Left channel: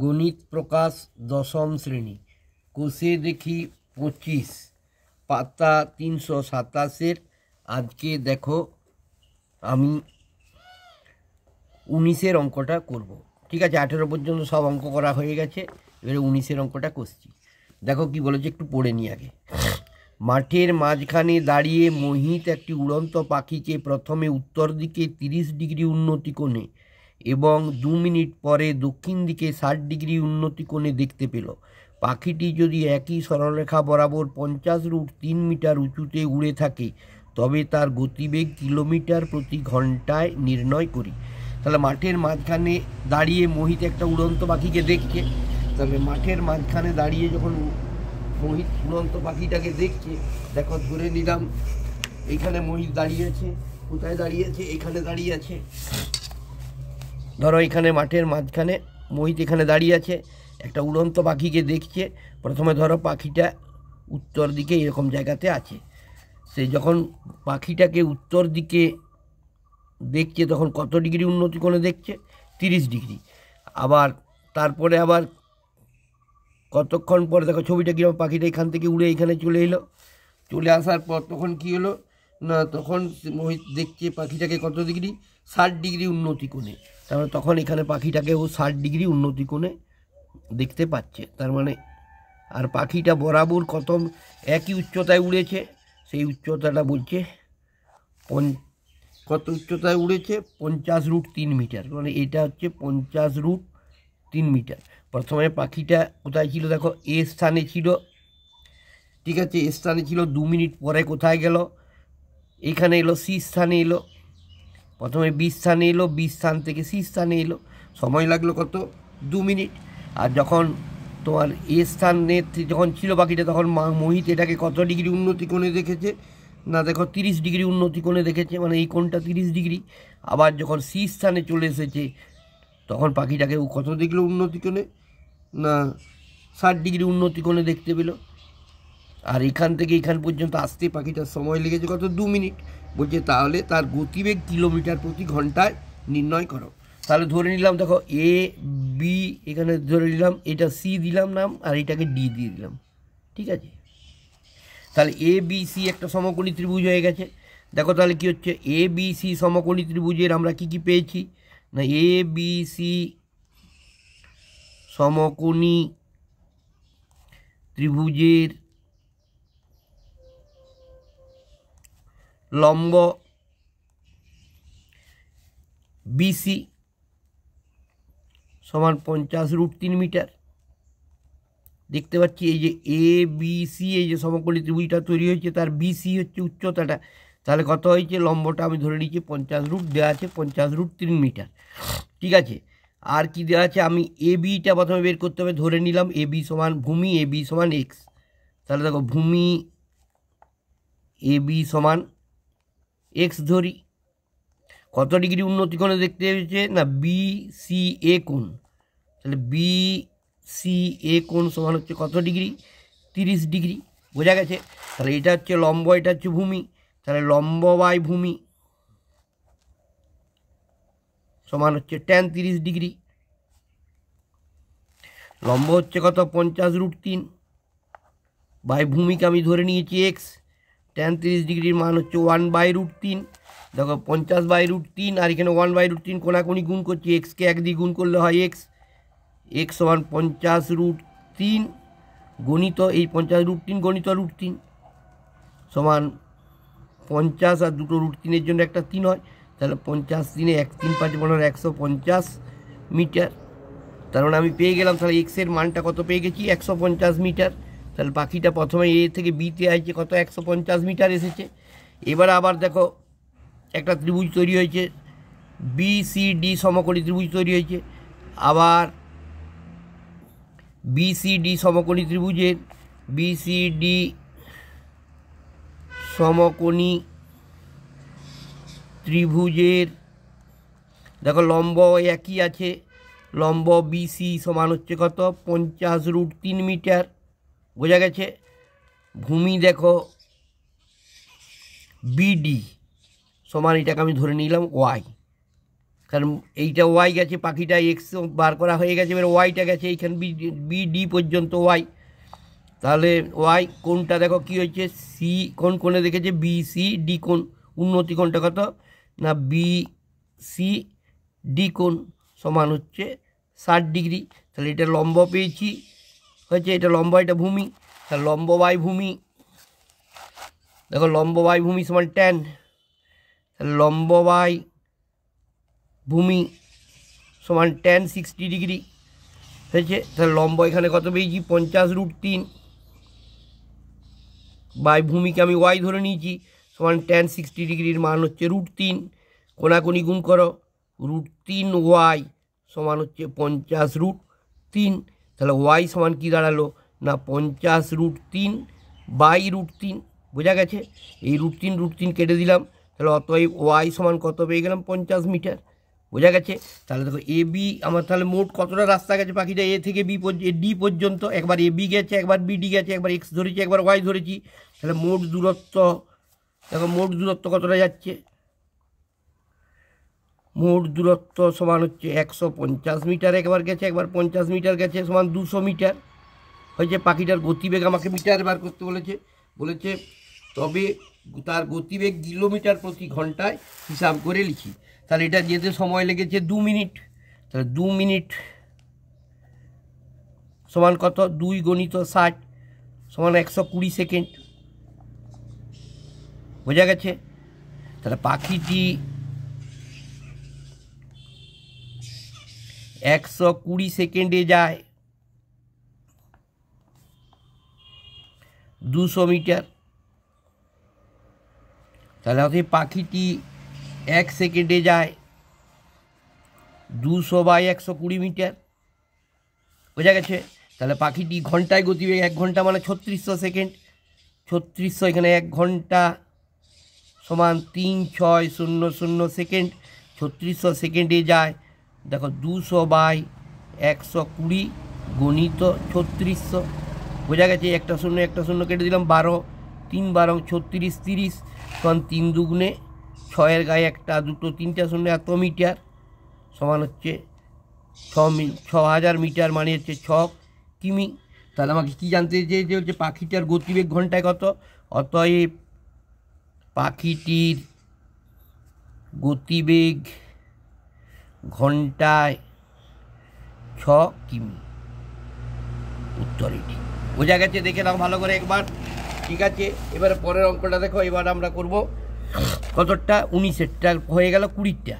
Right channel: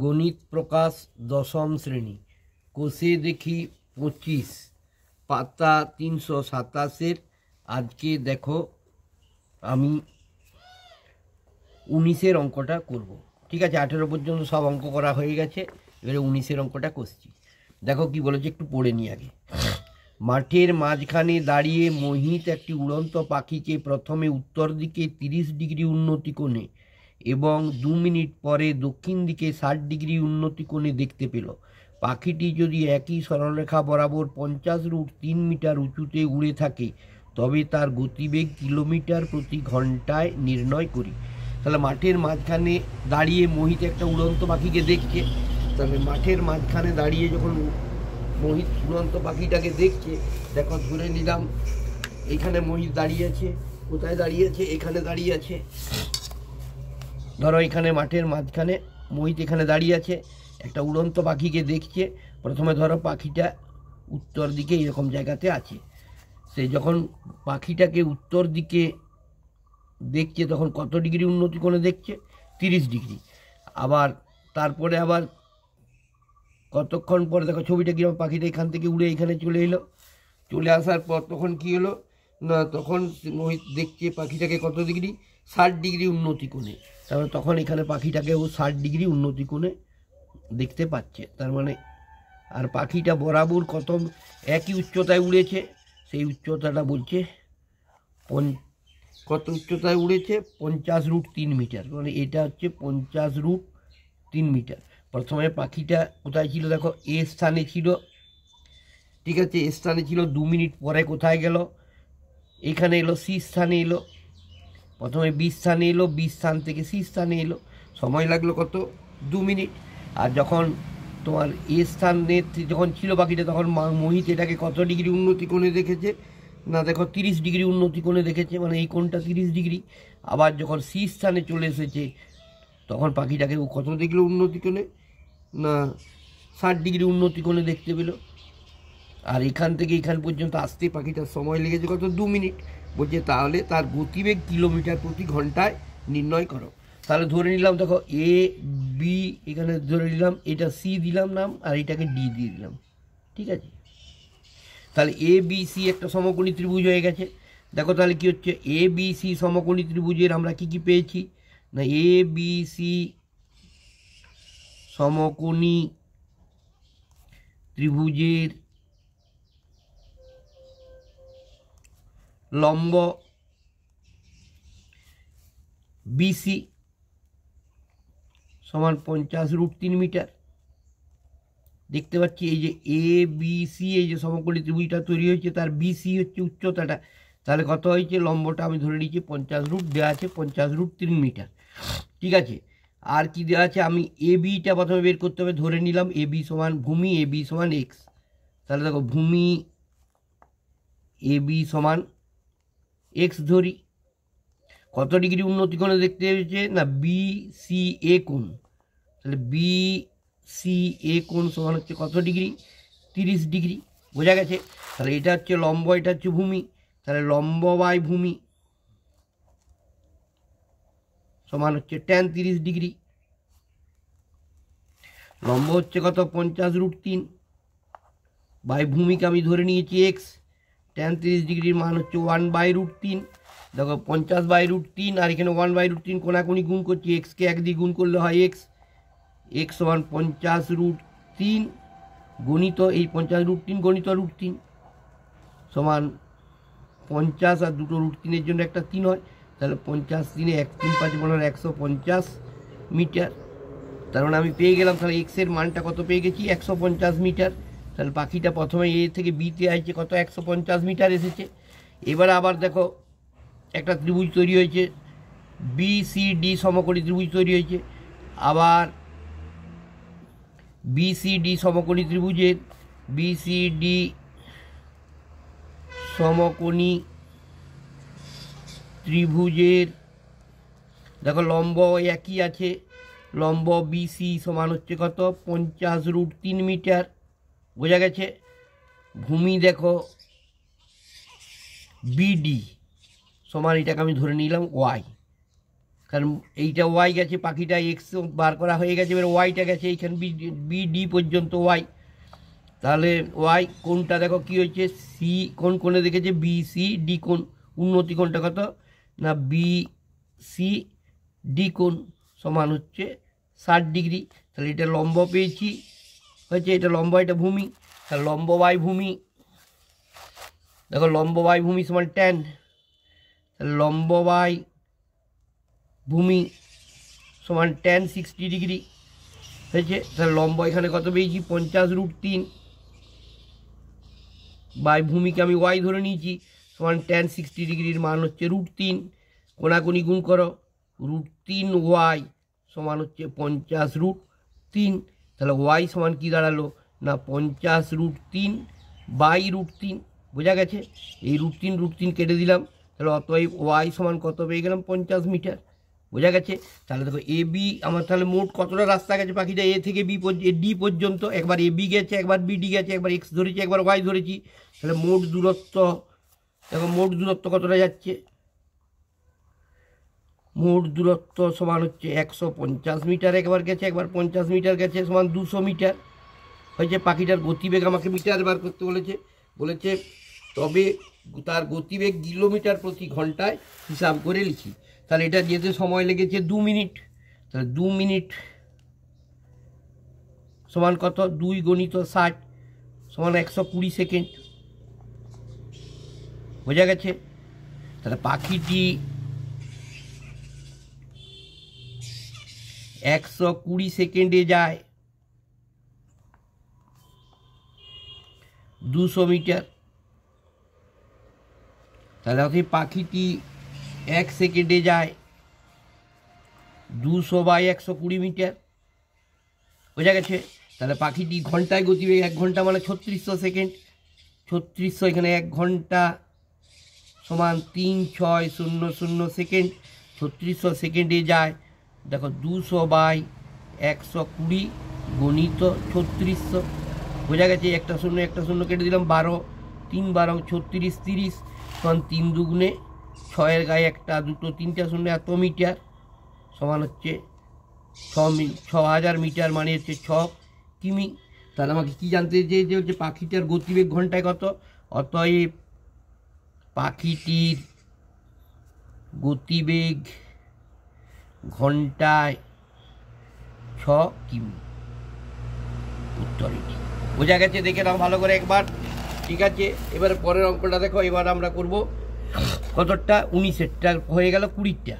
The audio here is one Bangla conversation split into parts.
গণিত প্রকাশ দশম শ্রেণী, কোষে দেখি 25, পাতা 327। আজকে দেখো আমি 19-এর অঙ্কটা করব। ঠিক আছে, 18 পর্যন্ত সব অঙ্ক করা হয়ে গেছে, এবারে 19-এর অঙ্কটা করছি। দেখো কি বলেছে, একটু পড়ে নিই আগে। মাঠের মাঝখানে দাঁড়িয়ে মোহিত একটি উড়ন্ত পাখিকে প্রথমে উত্তর দিকে 30 ডিগ্রি উন্নতি কোণে এবং 2 মিনিট পরে দক্ষিণ দিকে 60 ডিগ্রি উন্নতি কোণে দেখতে পেল। পাখিটি যদি একই সরলরেখা বরাবর 50√3 মিটার উঁচুতে উড়ে থাকে তবে তার গতিবেগ কিলোমিটার প্রতি ঘন্টায় নির্ণয় করি। তাহলে মাঠের মাঝখানে দাঁড়িয়ে মোহিত একটা উড়ন্ত পাখিকে দেখছে। তাহলে মাঠের মাঝখানে দাঁড়িয়ে যখন মোহিত উড়ন্ত পাখিটাকে দেখছে, দেখো ধরে নিলাম এইখানে মোহিত দাঁড়িয়ে আছে। কোথায় দাঁড়িয়ে আছে? এখানে দাঁড়িয়ে আছে। ধরো এখানে মাঠের মাঝখানে মোহিত এখানে দাঁড়িয়ে আছে, একটা উড়ন্ত পাখিকে দেখছে। প্রথমে ধরো পাখিটা উত্তর দিকে এরকম জায়গাতে আছে। সে যখন পাখিটাকে উত্তর দিকে দেখছে তখন কত ডিগ্রি উন্নতি কোণে দেখছে? 30 ডিগ্রি। আবার তারপরে আবার কতক্ষণ পরে দেখো ছবিটা কীরকম, পাখিটা এখান থেকে উড়ে এখানে চলে এলো। চলে আসার পর তখন কী হলো না, তখন মোহিত দেখছে পাখিটাকে কত ডিগ্রি? 60 ডিগ্রি উন্নতি কোণে। তারপরে তখন এখানে পাখিটাকেও 60 ডিগ্রি উন্নতি কোণে দেখতে পাচ্ছে। তার মানে আর পাখিটা বরাবর কত একই উচ্চতায় উড়েছে, সেই উচ্চতাটা বলছে কত উচ্চতায় উড়েছে? 50√3 মিটার। মানে এটা হচ্ছে 50√3 মিটার। প্রথমে পাখিটা কোথায় ছিল? দেখো এ স্থানে ছিল। ঠিক আছে, এ স্থানে ছিল। 2 মিনিট পরে কোথায় গেল? এখানে এলো, সি স্থানে এলো। প্রথমে বি স্থানে এলো, বি স্থান থেকে সি স্থানে এলো। সময় লাগলো কত? 2 মিনিট। আর যখন তোমার এ স্থানে যখন ছিল পাখিটা, তখন মোহিত এটাকে কত ডিগ্রি উন্নতি কোণে দেখেছে? না দেখো 30 ডিগ্রি উন্নতি কোণে দেখেছে, মানে এই কোণটা 30 ডিগ্রি। আবার যখন সি স্থানে চলে এসেছে তখন পাখিটাকে কত দেখলো উন্নতি কোণে? না 60 ডিগ্রি উন্নতি কোণে দেখতে পেল। আর এখান থেকে এখান পর্যন্ত আসতে পাখিটার সময় লেগেছে কত? 2 মিনিট। বলছে তাহলে তার গতিবেগ কিলোমিটার প্রতি ঘন্টায় নির্ণয় করো। তাহলে ধরে নিলাম, দেখো এ বি এখানে ধরে নিলাম, এটা সি দিলাম নাম, আর এটাকে ডি দিয়ে দিলাম। ঠিক আছে, তাহলে এ বি সি একটা সমকোণী ত্রিভুজ হয়ে গেছে। দেখো তাহলে কি হচ্ছে, এ বি সি সমকোণী ত্রিভুজের আমরা কি কি পেয়েছি? না এ বি সি সমকোণী ত্রিভুজের লম্ব বিসি সমান 50√3 মিটার। দেখতে পাচ্ছি এই যে এ বি সি, এই যে সমকোণী ত্রিভুজটা তৈরি হয়েছে, তার বিসি হচ্ছে উচ্চতাটা। তাহলে কত হয়েছে? লম্বটা আমি ধরে নিচ্ছি 50 দেওয়া আছে 50√3 মিটার। ঠিক আছে, আর কি দেওয়া আছে? আমি এ বিটা প্রথমে বের করতে হবে। ধরে নিলাম এ বি সমান ভূমি, এ বি সমান এক্স। তাহলে দেখো ভূমি এ বি সমান এক্স ধরি। কত ডিগ্রি উন্নতি কোণে দেখতে হয়েছে? না বি সি এ কোণ। তাহলে বি সি এ কোণ সমান হচ্ছে কত ডিগ্রি? 30 ডিগ্রি। বোঝা গেছে? তাহলে এটা হচ্ছে লম্ব, এটা হচ্ছে ভূমি। তাহলে লম্ব বাই ভূমি সমান হচ্ছে tan 30 ডিগ্রি। লম্ব হচ্ছে কত? 50√3 বাই ভূমিকে আমি ধরে নিয়েছি এক্স। tan 30 ডিগ্রির মান হচ্ছে 1/√3। দেখো 50/√3 আর এখানে 1/√3 কোনাকুনি গুণ করছি। এক্সকে 1 দিয়ে গুণ করলে হয় এক্স। এক্স সমান 50√3 গণিত এই 50√3 গণিত √3 সমান 50, আর দুটো √3-এর জন্য একটা 3 হয়। তাহলে 50 দিনে 1 3 5 150 মিটার। তার মানে আমি পেয়ে গেলাম, তাহলে এক্সের মানটা কত পেয়ে গেছি? 150 মিটার। তাহলে পাখিটা প্রথমে এ থেকে বিতে আসছে কত? 150 মিটার এসেছে। এবারে আবার দেখো একটা ত্রিভুজ তৈরি হয়েছে, বি সি ডি সমকোণী ত্রিভুজ তৈরি হয়েছে। আবার বি সি ডি সমকোণী ত্রিভুজের বি সি ডি সমকোণী ত্রিভুজের দেখো লম্ব একই আছে। লম্ব বিসি সমান হচ্ছে কত? 50√3 মিটার। বোঝা গেছে? ভূমি দেখো বিডি সমান, এটাকে আমি ধরে নিলাম ওয়াই, তাহলে এইটা ওয়াই গেছে, পাখিটা এক্স বার করা হয়ে গেছে, এবার ওয়াইটা গেছে এইখানে বি ডি পর্যন্ত ওয়াই। তাহলে ওয়াই কোনটা দেখো কি হয়েছে, সি কোন কোণে দেখেছে, বি সি ডি কোণ, উন্নতি কোণটা কত না বি সি ডি কোণ সমান হচ্ছে 60 ডিগ্রি। তাহলে এটা লম্ব পেয়েছি হয়েছে, এটা লম্ব, এটা ভূমি, তাহলে লম্ব বাই ভূমি, দেখো লম্ব বাই ভূমি সমান ট্যান, তাহলে লম্ব বাই ভূমি সমান ট্যান 60 ডিগ্রি হয়েছে। তাহলে লম্ব এখানে কত পেয়েছি 50√3 বাই ভূমিকে আমি ওয়াই ধরে নিয়েছি সমান ট্যান 60 ডিগ্রির মান হচ্ছে √3, কোনাকুনি গুণ করো, √3 ওয়াই সমান হচ্ছে 50√3। তাহলে ওয়াই সমান কী দাঁড়ালো না 50√3 বাই √3, বোঝা গেছে। এই √3 কেটে দিলাম, তাহলে অতএব ওয়াই সমান কত পেয়ে গেলাম 50 মিটার, বোঝা গেছে। তাহলে দেখো এ বি আমার তাহলে মোট কতটা রাস্তা গেছে পাখিটা এ থেকে বি ডি পর্যন্ত, একবার এ বি গেছে, একবার বি ডি গেছে, একবার এক্স ধরেছি, একবার ওয়াই ধরেছি। তাহলে মোট দূরত্ব দেখো, মোট দূরত্ব কতটা যাচ্ছে, মোট দূরত্ব সমান হচ্ছে 150 মিটার, একবার গেছে, একবার 50 মিটার গেছে, সমান 200 মিটার হয়েছে। পাখিটার গতিবেগ আমাকে মিটার বার করতে বলেছে, তবে তার গতিবেগ কিলোমিটার প্রতি ঘন্টায় হিসাব করে লিখি। তাহলে এটা যেতে সময় লেগেছে 2 মিনিট, তাহলে 2 মিনিট সমান কত, 2 × 60 সমান 120 সেকেন্ড, বোঝা গেছে। তাহলে পাখিটি 120 সেকেন্ডে যায় 200 মিটার, তাহলে অতএব পাখিটি 1 সেকেন্ডে যায় 200 বাই 120 মিটার, বোঝা গেছে। তাহলে পাখিটি ঘন্টায় গতিবেগ 1 ঘন্টা মানে 3600 সেকেন্ড, 3600 এখানে 1 ঘন্টা সমান 3600 সেকেন্ড, 3600 সেকেন্ডে যায় দেখো 200 বাই 120 গুণিত 3600, বোঝা গেছে। একটা শূন্য কেটে দিলাম, 12 3 12 36 30 সমান 3 দুগুণে 6-এর গায়ে একটা, দুটো, 3টা শূন্য, এত মিটার সমান হচ্ছে 6000 মিটার, মানে হচ্ছে 6 কিমি। তাহলে আমাকে কী জানতে চেয়েছে, যে হচ্ছে পাখিটার গতিবেগ ঘন্টায় কত, অতএব পাখিটির গতিবেগ ঘন্টায় 6 কিমি, উত্তর এটি, বোঝা গেছে। দেখে নাও ভালো করে একবার, ঠিক আছে। এবারে পরের অঙ্কটা দেখো, এবার আমরা করব কতটা, 19-এরটা হয়ে গেল 20টা।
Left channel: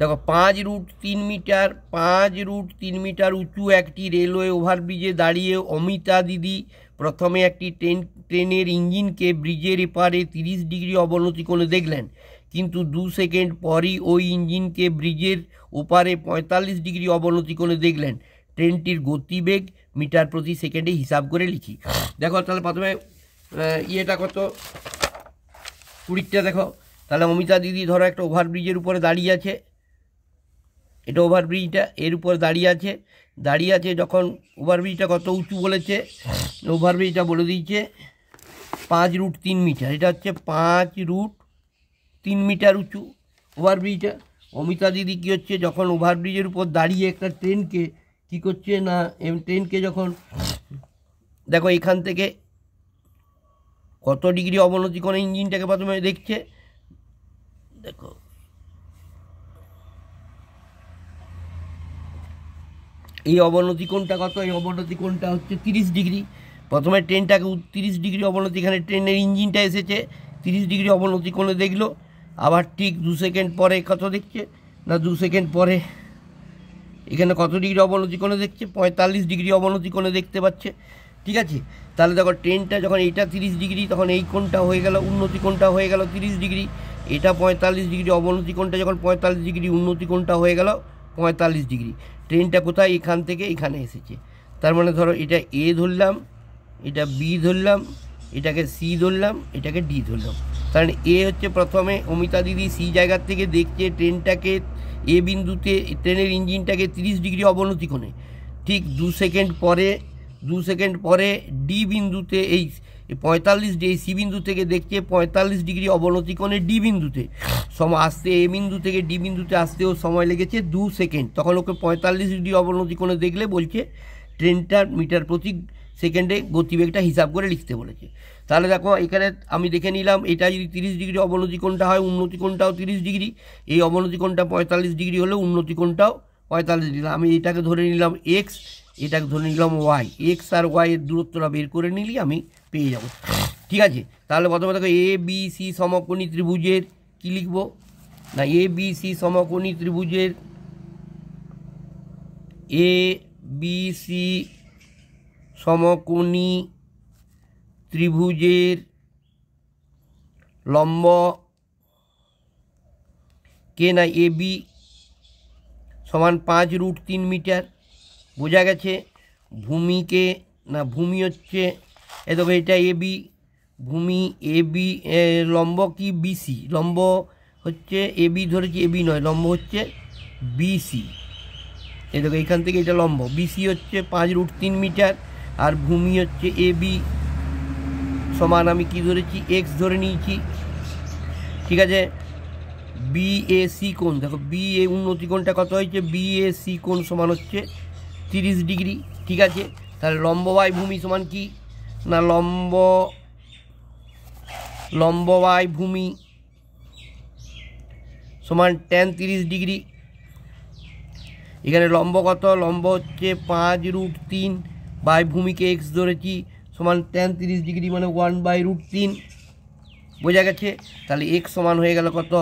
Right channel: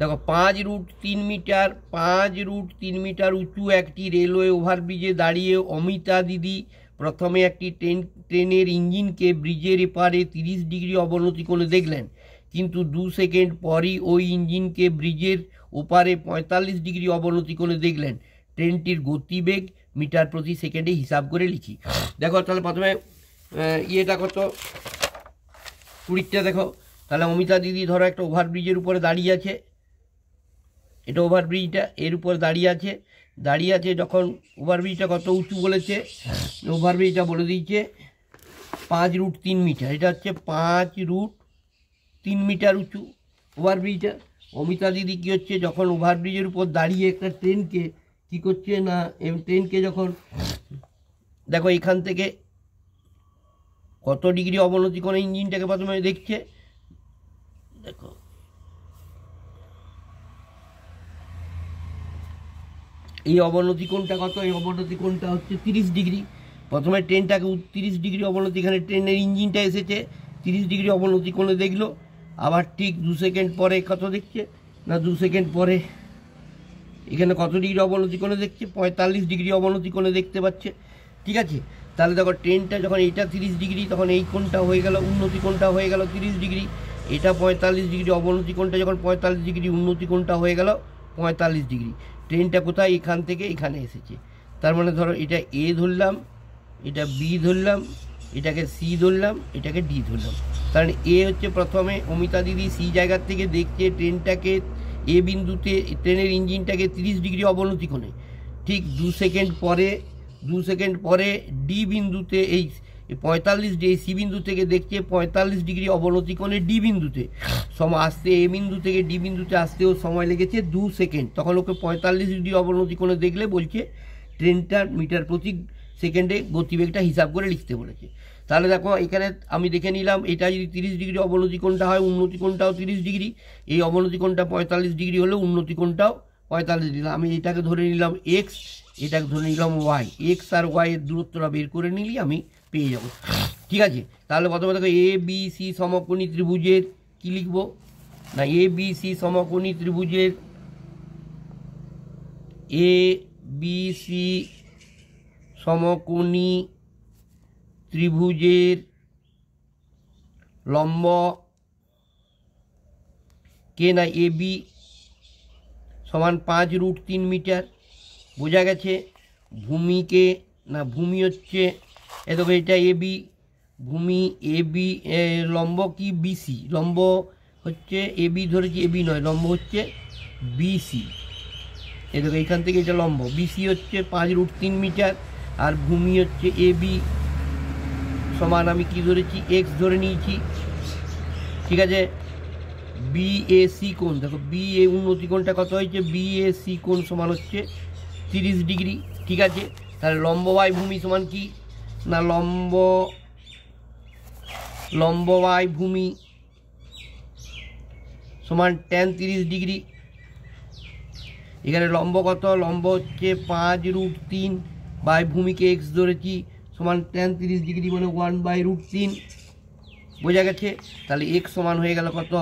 দেখো 5√3 মিটার, 5√3 মিটার উঁচু একটি রেলওয়ে ওভারব্রিজে দাঁড়িয়ে অমিতা দিদি প্রথমে একটি ট্রেনের ইঞ্জিনকে ব্রিজের এপারে 30 ডিগ্রি অবনতি করে দেখলেন, কিন্তু 2 সেকেন্ড পরই ওই ইঞ্জিনকে ব্রিজের ওপারে 45 ডিগ্রি অবনতি করে দেখলেন। ট্রেনটির গতিবেগ মিটার প্রতি সেকেন্ডে হিসাব করে লিখি। দেখো তাহলে প্রথমে ইয়েটা কত, 20টা দেখো। তাহলে অমিতা দিদি ধরো একটা ওভারব্রিজের উপরে দাঁড়িয়ে আছে, এটা ওভারব্রিজটা, এর উপর দাঁড়িয়ে আছে যখন ওভারব্রিজটা কত উঁচু বলেছে, ওভারব্রিজটা বলে দিয়েছে 5√3 মিটার, এটা হচ্ছে 5√3 মিটার উঁচু ওভারব্রিজটা। অমিতা দিদি কী হচ্ছে, যখন ওভারব্রিজের উপর দাঁড়িয়ে একটা ট্রেনকে কী করছে না, ট্রেনকে যখন দেখো এখান থেকে কত ডিগ্রি অবনতি করে ইঞ্জিনটাকে প্রথমে দেখছে, দেখো এই অবনতি কোণটা কত, এই অবনতি কোণটা হচ্ছে 30 ডিগ্রি। প্রথমে ট্রেনটাকে 30 ডিগ্রি অবনতি, এখানে ট্রেনের ইঞ্জিনটা এসেছে 30 ডিগ্রি অবনতি কোণে দেখলো, আবার ঠিক 2 সেকেন্ড পরে কত দেখছে না, 2 সেকেন্ড পরে এখানে কত ডিগ্রি অবনতি কোণে দেখছে, 45 ডিগ্রি অবনতি কোণে দেখতে পাচ্ছে, ঠিক আছে। তাহলে দেখো ট্রেনটা যখন এইটা 30 ডিগ্রি, তখন এই কোণটা হয়ে গেল, উন্নতি কোণটা হয়ে গেল 30 ডিগ্রি, এটা 45 ডিগ্রি, অবনতি কোণটা যখন 45 ডিগ্রি, উন্নতি কোণটা হয়ে গেল 45 ডিগ্রি। ট্রেনটা কোথায়, এখান থেকে এখানে এসেছে, তার মানে ধরো এটা এ ধরলাম, এটা বি ধরলাম, এটাকে সি ধরলাম, এটাকে ডি ধরলাম। কারণ এ হচ্ছে প্রথমে অমিতা দিদি সি জায়গার থেকে দেখছে ট্রেনটাকে এ বিন্দুতে, ট্রেনের ইঞ্জিনটাকে 30 ডিগ্রি অবনতি কোণে, ঠিক 2 সেকেন্ড পরে ডি বিন্দুতে এই 45 ডিগ্রি সি বিন্দু থেকে দেখছে 45 ডিগ্রি অবনতি কোণে ডি বিন্দুতে আসতে এ বিন্দু থেকে ডি বিন্দুতে আসতেও সময় লেগেছে 2 সেকেন্ড। তখন ওকে 45 ডিগ্রি অবনতি কোণে দেখলে বলছে ট্রেনটার মিটার প্রতি সেকেন্ডে গতিবেগটা হিসাব করে লিখতে বলেছে। তাহলে দেখো এখানে আমি দেখে নিলাম, এটা যদি 30 ডিগ্রি অবনতি কোণটা হয়, উন্নতি কোণটাও 30 ডিগ্রি, এই অবনতি কোণটা 45 ডিগ্রি হলে উন্নতি কোণটাও 45 ডিগ্রি। আমি এটাকে ধরে নিলাম এক্স, এটাকে ধরে নিলাম ওয়াই, এক্স আর ওয়াই এর দূরত্বটা বের করে নিলেই আমি পেয়ে যাব। ঠিক আছে, তাহলে প্রথমে দেখো এ বি সি সমকোণী ত্রিভুজের কি লিখব না, এ বি সি সমকোণী ত্রিভুজের এ বি সি সমকোণী ত্রিভুজের লম্ব কে না এ বি সমান 5√3 মিটার, বোঝা গেছে। ভূমিকে না ভূমি হচ্ছে এ দেখো এটা এ বি, ভূমি এ বি, লম্ব কি বিসি, লম্ব হচ্ছে এ বি ধরেছি, এ বি নয়, লম্ব হচ্ছে বিসি। এই দেখো এখান থেকে এটা লম্ব, বিসি হচ্ছে 5√3 মিটার আর ভূমি হচ্ছে এ বি সমান আমি কি ধরেছি এক্স ধরে নিয়েছি। ঠিক আছে, বিএসি কোণ দেখো, বি এ উন্নতি কোণটা কত হয়েছে, বিএসি কোণ সমান হচ্ছে 30 ডিগ্রি। ঠিক আছে, তাহলে লম্ব বাই ভূমি সমান কি না লম্ব বাই ভূমি সমান tan 30 ডিগ্রি। এখানে লম্ব কত, লম্ব হচ্ছে 5√3 বাই ভূমিকে এক্স ধরেছি সমান tan 30 ডিগ্রি মানে 1/√3, বোঝা গেছে। তাহলে এক্স সমান হয়ে গেল কত,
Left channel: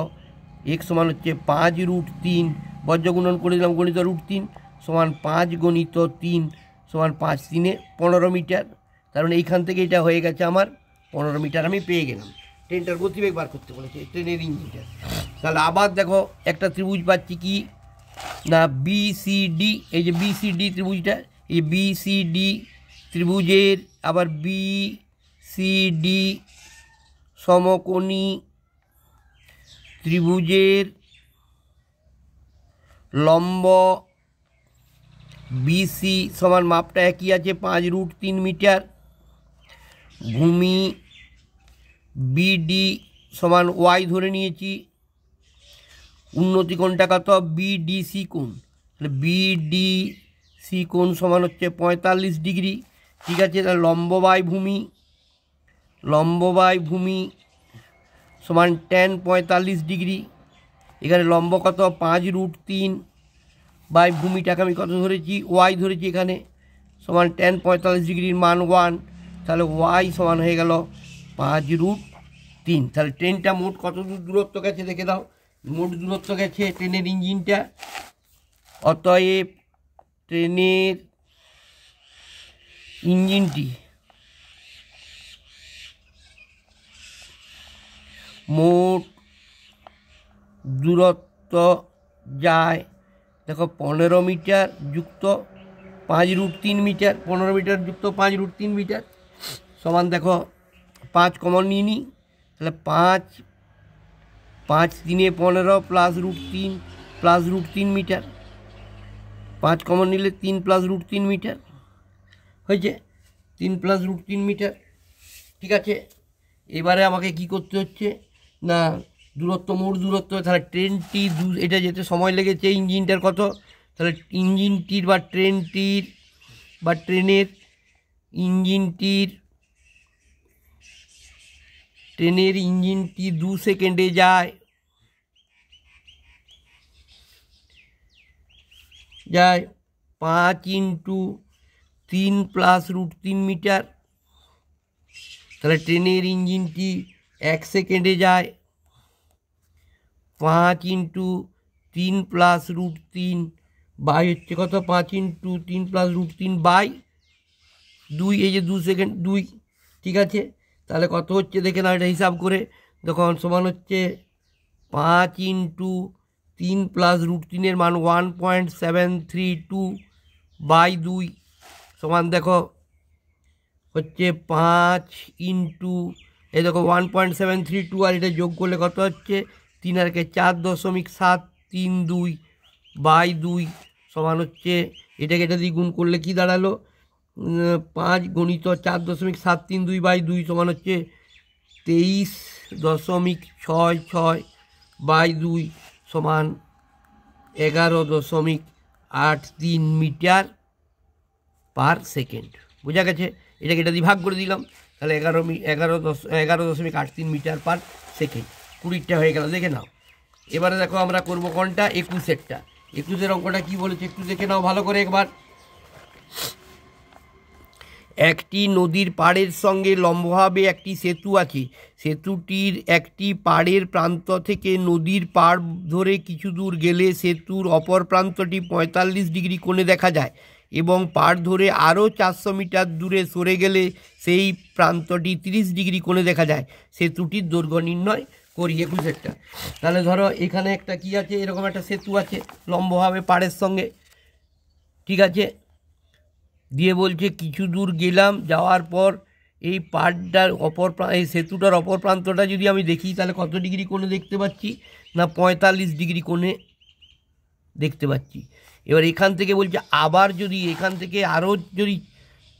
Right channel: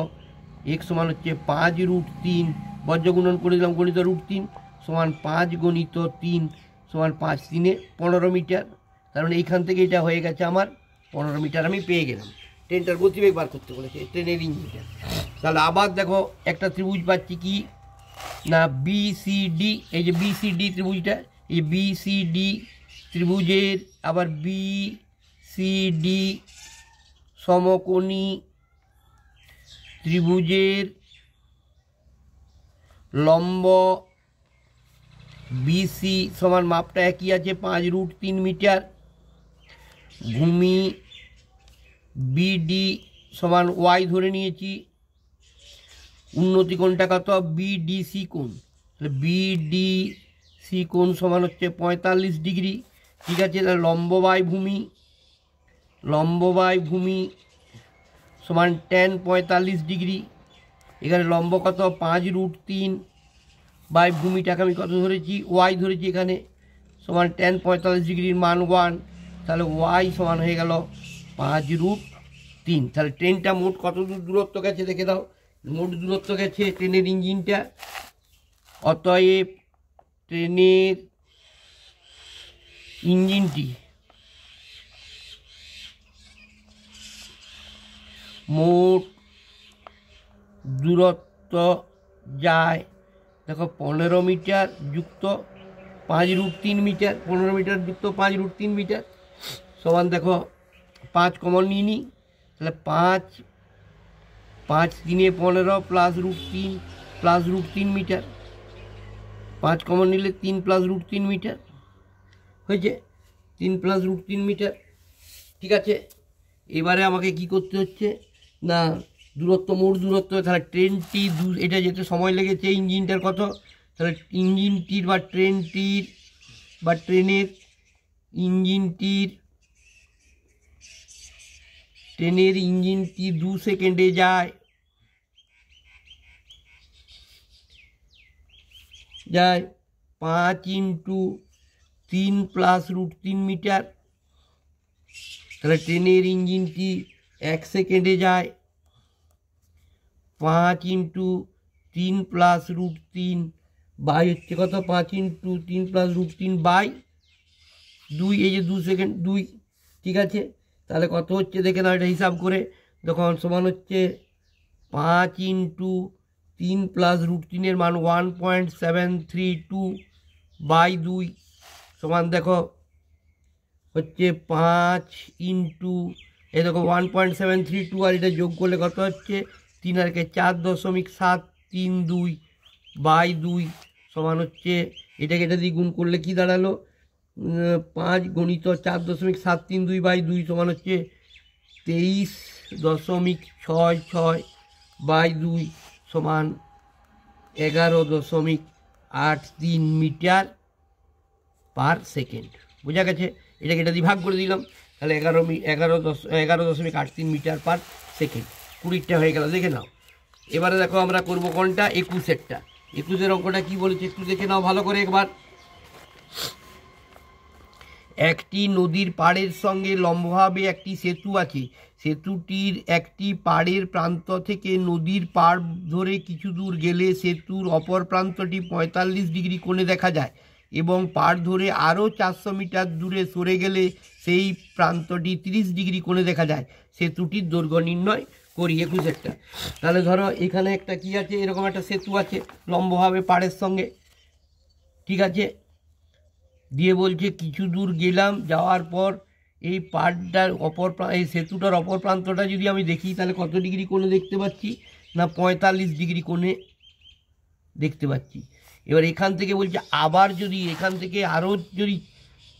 এক্স সমান হচ্ছে 5√3, বজ্রগুণন করে দিলাম, গণিত √3 সমান 5 × 3 সমান 5 3 15 মিটার। কারণ এইখান থেকে এটা হয়ে গেছে আমার 15 মিটার, আমি পেয়ে গেলাম। ট্রেনটার গতিবেগ বার করতে বলেছে ট্রেনের ইঞ্জিনটা। তাহলে আবার দেখো একটা ত্রিভুজ পাচ্ছি কি না বিসিডি, এই যে বিসিডি ত্রিভুজটা, এই বিসিডি ত্রিভুজের আবার বিসিডি সমকোণী ত্রিভুজের লম্ব বিসি সমান মাপটা একই আছে 5√3 মিটার, ভূমি বিডি সমান ওয়াই ধরে নিয়েছি, উন্নতি কোণটা কত বিডিসি কোণ, তাহলে বিডিসি কোণ সমান হচ্ছে 45 ডিগ্রি। ঠিক আছে, তাহলে লম্ব বাই ভূমি সমান tan 45 ডিগ্রি। এখানে লম্ব কত 5√3 বাই ভূমিটাকে আমি কত ধরেছি ওয়াই ধরেছি, এখানে সমান tan 45 ডিগ্রির মান 1, তাহলে ওয়াই সমান হয়ে গেল 5√3। তাহলে ট্রেনটা মোট কত দূরত্ব গেছে দেখে দাও, মোট দূরত্ব গেছে ট্রেনের ইঞ্জিনটা, অতএব ট্রেনের ইঞ্জিনটি মোট দূরত্ব যায় দেখো 15 মিটার যুক্ত 5√3 মিটার, 15 মিটার যুক্ত 5√3 মিটার সমান দেখো 5 কমন নিয়ে নিই, তাহলে 5 5 3 15 +√3 মিটার, 5 কমন নিলে 3 +√3 মিটার হয়েছে, 3 +√3 মিটার। ঠিক আছে, এবারে আমাকে কি করতে হচ্ছে না দূরত্ব, মোট দূরত্ব, তাহলে ট্রেনটি এটা যেতে সময় লেগেছে ইঞ্জিনটার কত, তাহলে ইঞ্জিনটির বা ট্রেনটির বা ট্রেনের ইঞ্জিনটি 2 সেকেন্ডে যায় 5 × 3 +√3 মিটার, তাহলে ট্রেনের ইঞ্জিনটি 1 সেকেন্ডে যায় 5 × 3 +√3 বাই হচ্ছে কত 5 × 3 +√3 বাই 2, এই যে 2 সেকেন্ড 2। ঠিক আছে, তাহলে কত হচ্ছে দেখে নাও এটা হিসাব করে, তখন সমান হচ্ছে 5 × 3 +√3 এর মান 1.732 বাই 2 সমান দেখো হচ্ছে 5 এই দেখো 1.732 আর এটা যোগ করলে কত হচ্ছে 3 আর 4.732 বাই 2 সমান হচ্ছে, এটাকে এটা দিয়ে গুণ করলে কি দাঁড়ালো 5 × 4.732/2 সমান হচ্ছে 23.66/2 সমান 11.83 মিটার পার সেকেন্ড। বোঝা গেছে? এটাকে এটা দিয়ে ভাগ করে দিলাম, তাহলে 11.83 মিটার পার সেকেন্ড। 20টা হয়ে গেল, দেখে নাও। এবারে দেখো আমরা করব কোনটা, 21এরটা। 21এর অঙ্কটা কি বলেছে একটু দেখে নাও ভালো করে একবার। একটি নদীর পাড়ের সঙ্গে লম্বভাবে একটি সেতু আছে। সেতুটির একটি পাড়ের প্রান্ত থেকে নদীর পাড় ধরে কিছু দূর গেলে সেতুর অপর প্রান্তটি 45 ডিগ্রি কোণে দেখা যায় এবং পাড় ধরে আরও 400 মিটার দূরে সরে গেলে সেই প্রান্তটি 30 ডিগ্রি কোণে দেখা যায়। সেতুটির দৈর্ঘ্য নির্ণয় করি। 21এরটা। তাহলে ধরো এখানে একটা কি আছে, এরকম একটা সেতু আছে লম্বভাবে পাড়ের সঙ্গে, ঠিক আছে। দিয়ে বলছে কিছু দূর গেলাম, যাওয়ার পর এই পাড়টার এই সেতুটার অপর প্রান্তটা যদি আমি দেখি তাহলে কত ডিগ্রি কোণে দেখতে পাচ্ছি না, 45 ডিগ্রি কোণে দেখতে পাচ্ছি। এবার এখান থেকে বলছে আবার যদি এখান থেকে আরও যদি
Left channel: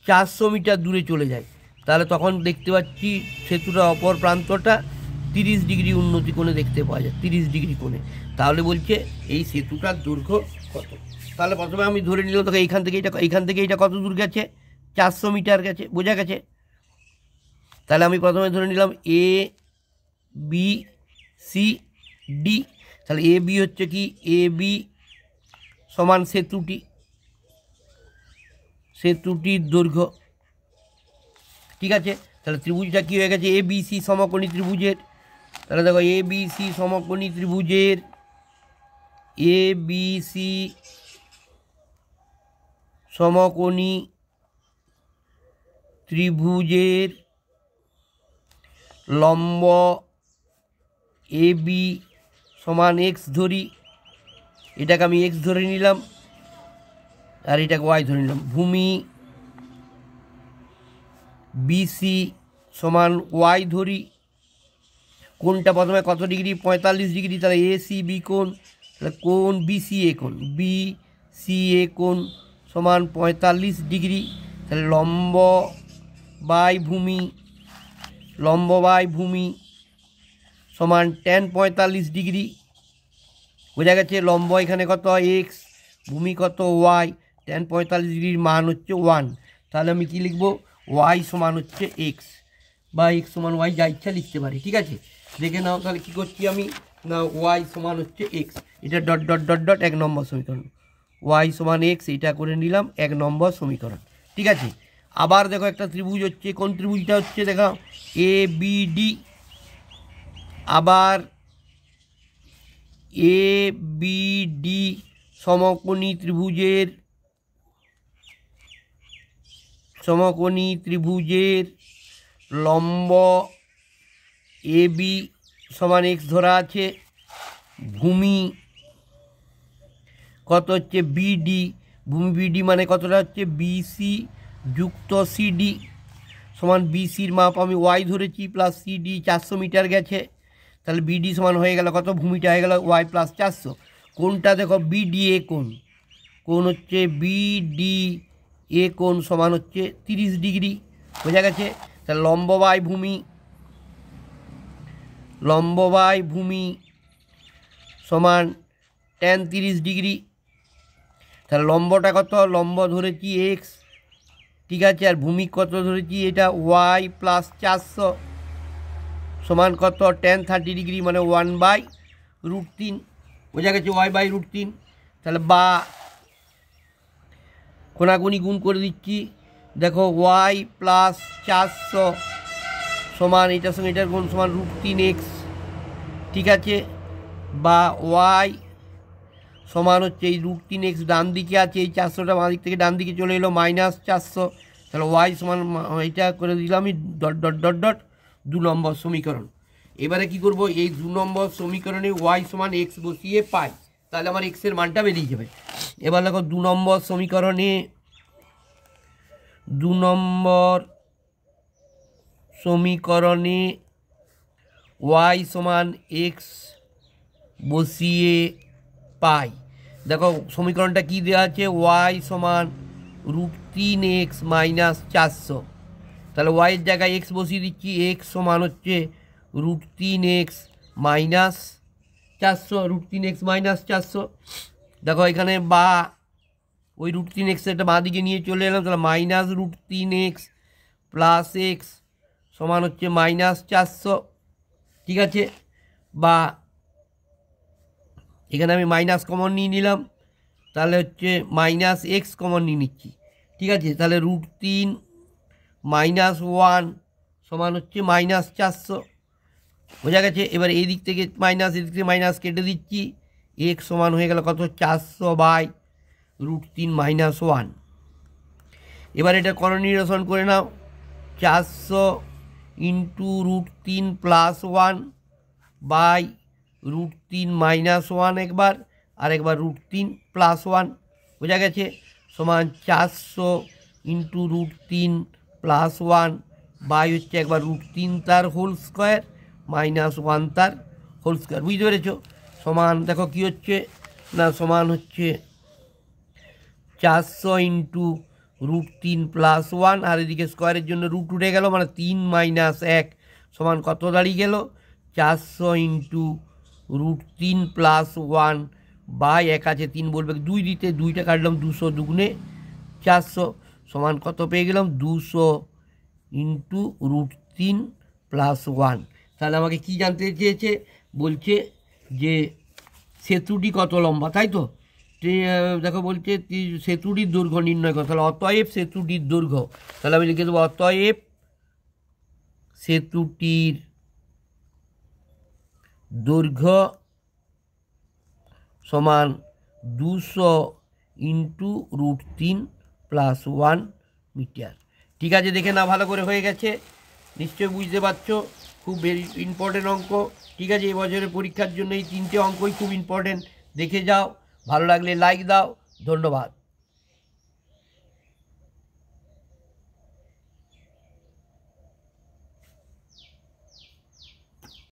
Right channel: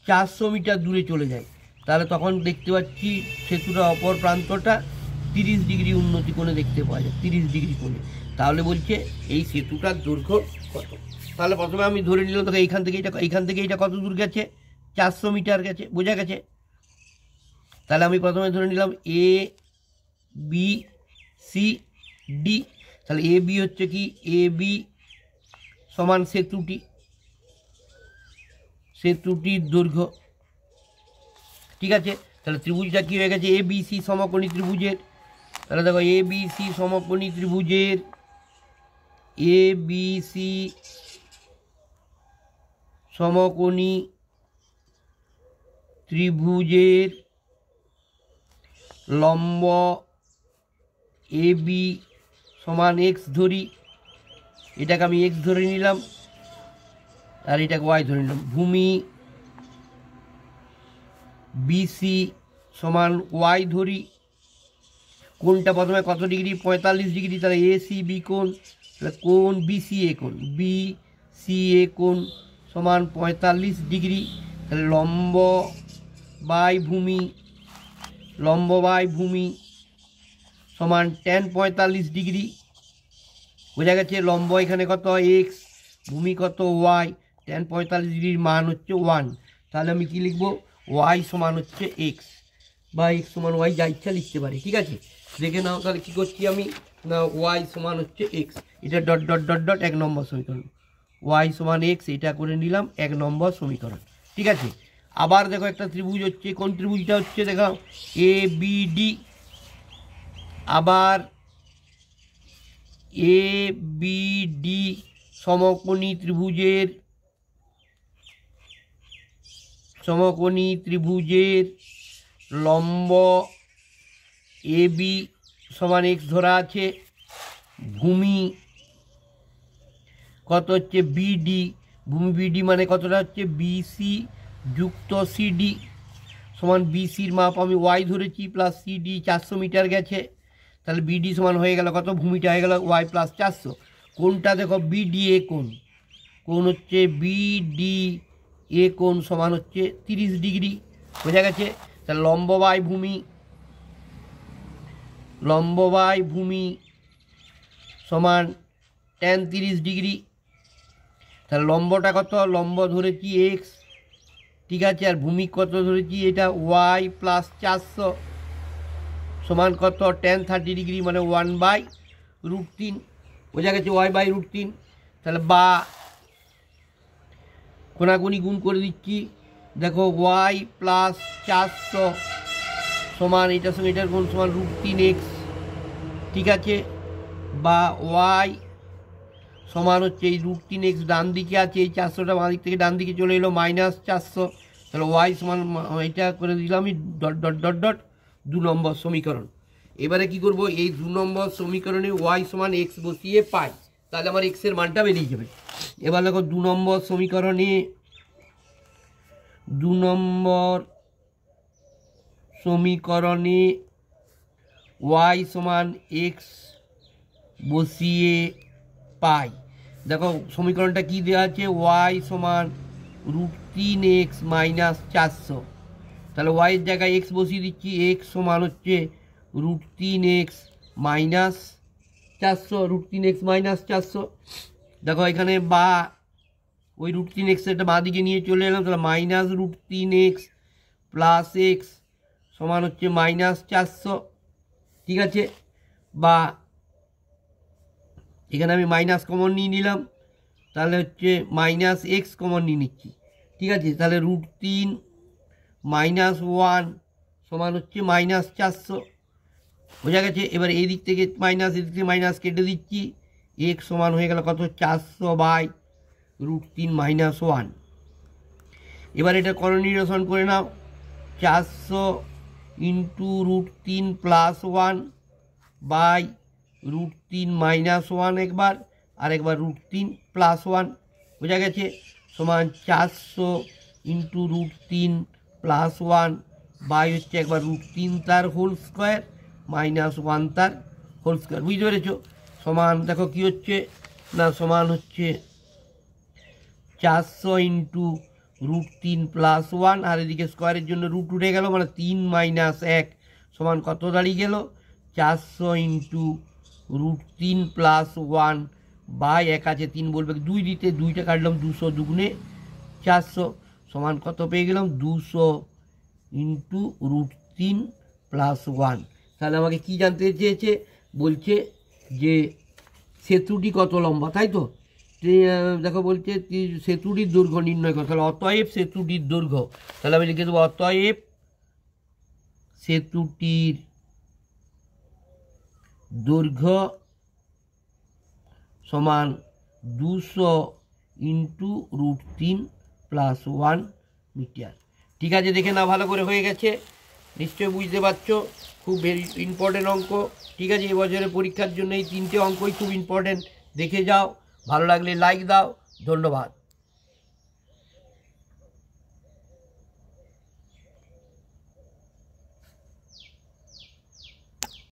400 মিটার দূরে চলে যায় তাহলে তখন দেখতে পাচ্ছি সেতুটার অপর প্রান্তটা 30 ডিগ্রি উন্নতি কোণে দেখতে পাওয়া যায়, 30 ডিগ্রি কোণে। তাহলে বলছে এই সেতুটার দৈর্ঘ্য কত। তাহলে প্রথমে আমি ধরে নিলাম তোকে এইখান থেকে এটা কত দূর গেছে, 400 মিটার গেছে। বোঝা গেছে? তাহলে আমি প্রথমে ধরে নিলাম এ বি সি ডি। তাহলে এ বি হচ্ছে কি, এ বি সমান সেতুটির দৈর্ঘ্য, ঠিক আছে। তাহলে ত্রিভুজটা কি হয়ে গেছে, এ বি সি সমকোণী ত্রিভুজের। তাহলে দেখো এ বি সি সমকোণী ত্রিভুজের, এ বি সি সমকোণী ত্রিভুজের লম্ব এ বি সমান এক্স ধরি, এটাকে আমি এক্স ধরে নিলাম আর এটাকে ওয়াই ধরে নিলাম। ভূমি বিসি সমান ওয়াই ধরি, কোনটা প্রথমে কত ডিগ্রি, 45 ডিগ্রি। তাহলে এ সি বি কোণ, তাহলে কোণ বিসিএ কোণ, বিসিএ কোণ সমান 45 ডিগ্রি। তাহলে লম্ব বাই ভূমি সমান tan 45 ডিগ্রি। বোঝা গেছে? লম্ব এখানে কত এক্স, ভূমি কত ওয়াই, tan 45 ডিগ্রির মান হচ্ছে 1। তাহলে আমি কি লিখব, ওয়াই সমান হচ্ছে এক্স বা এক্স সমান ওয়াই, যা ইচ্ছা লিখতে পারি, ঠিক আছে। দেখে নাও তাহলে কী করছি আমি, না ওয়াই সমান হচ্ছে এক্স, এটা ডট ডট ডট ডট 1 নম্বর সমীকরণ। ওয়াই সমান এক্স, এটা করে নিলাম 1 নম্বর সমীকরণ, ঠিক আছে। আবার দেখো একটা ত্রিভুজ হচ্ছে, কোন ত্রিভুজটা হচ্ছে দেখো, এ বি ডি। আবার এ বি ডি সমকোণী ত্রিভুজের লম্ব এ বি সমান এক্স ধরা আছে। ভূমি কত হচ্ছে বিডি, ভূমি বিডি মানে কতটা হচ্ছে বিসি যুক্ত সিডি সমান, বিসির মাপ আমি ওয়াই ধরেছি প্লাস সিডি 400 মিটার গেছে। তাহলে বিডি সমান হয়ে গেল কত, ভূমিটা হয়ে গেল ওয়াই প্লাস 400। কোনটা দেখো বিডিএ কোণ হচ্ছে বিডিএ কোণ সমান হচ্ছে 30 ডিগ্রি। বোঝা গেছে? তাহলে লম্ব বাই ভূমি সমান tan 30 ডিগ্রি। তাহলে লম্বটা কত, লম্ব ধরেছি এক্স, ঠিক আছে, আর ভূমি কত ধরেছি, এটা ওয়াই প্লাস 400 সমান কত, tan 30 ডিগ্রি মানে 1/√3। বোঝা গেছে? y/√3। তাহলে বা কোনাকুনি গুণ করে দিচ্ছি, দেখো ওয়াই প্লাস 400 সমান এটার সঙ্গে এটার গুণ সমান √3x, ঠিক আছে, বা ওয়াই সমান হচ্ছে এই √3x ডান দিকে আছে, এই 400টা বাঁ দিক থেকে ডান দিকে চলে এলো -400। তাহলে ওয়াই সমান এটা করে দিলাম আমি ডট ডট ডট ডট 2 নম্বর সমীকরণ। এবারে কি করব, এই 2 নম্বর সমীকরণে ওয়াই সমান এক্স বসিয়ে পাই, তাহলে আমার এক্সের মানটা বেরিয়ে যাবে। এবার দেখো 2 নম্বর সমীকরণে ওয়াই সমান এক্স বসিয়ে পাই। দেখো সমীকরণটা কি দেওয়া আছে, ওয়াই সমান √3x মাইনাস 400। তাহলে ওয়াইয়ের জায়গায় এক্স বসিয়ে দিচ্ছি, এক্স সমান হচ্ছে √3x মাইনাস 400, √3x মাইনাস 400। দেখো এখানে বা ওই √3x এটা বাঁ দিকে নিয়ে চলে এলাম, তাহলে মাইনাস √3x প্লাস এক্স সমান হচ্ছে মাইনাস 400। ঠিক আছে, বা এখানে আমি মাইনাস কমন নিয়ে নিলাম, তাহলে হচ্ছে মাইনাস এক্স কমন নিয়ে নিচ্ছি। ঠিক আছে, তাহলে √3 মাইনাস 1 সমান হচ্ছে মাইনাস 400। বোঝা গেছে? এবার এই দিক থেকে মাইনাস, এদিক থেকে মাইনাস কেটে দিচ্ছি, এক্স সমান হয়ে গেল কত, 400/√3 মাইনাস 1। এবার এটা করণীয়রসন করে নাও, 400 ইন্টু √3 প্লাস 1/√3 মাইনাস 1 একবার, আর একবার √3 প্লাস 1। বোঝা গেছে? সমান 400 ইন্টু √3 প্লাস 1 বাই হচ্ছে একবার √3 তার হোল স্কোয়ার মাইনাস 1 তার হোল স্কোয়ার। বুঝতে পেরেছো? সমান দেখো কি হচ্ছে না, সমান হচ্ছে 400 ইন্টু √3 প্লাস 1, আর এদিকে স্কোয়ারের জন্য রুট উঠে গেল, মানে 3 মাইনাস 1 সমান কত দাঁড়িয়ে গেল, 400 ইন্টু √3 প্লাস 1 বাই 1 আছে 3 বলবে 2 দিতে, 2টা কাটলাম, 200 দুগুণে 400 সমান কত পেয়ে গেলাম, 200 ইন্টু √3 প্লাস 1। তাহলে আমাকে কি জানতে চেয়েছে, বলছে যে সেতুটি কত লম্বা, তাই তো? দেখো বলছে সেতুটির দৈর্ঘ্য নির্ণয় করো, তাহলে অতএব সেতুটির দৈর্ঘ্য, তাহলে আমি লিখে দেবো অতএব সেতুটির দৈর্ঘ্য সমান 200 ইন্টু √3 প্লাস 1 মিটার। ঠিক আছে, দেখে না ভালো করে হয়ে গেছে, নিশ্চয়ই বুঝতে পারছো, খুব ভেরি ইম্পর্টেন্ট অঙ্ক। ঠিক আছে, এবছরের পরীক্ষার জন্য এই 3টে অঙ্কই খুব ইম্পর্টেন্ট, দেখে যাও, ভালো লাগলে লাইক দাও, ধন্যবাদ।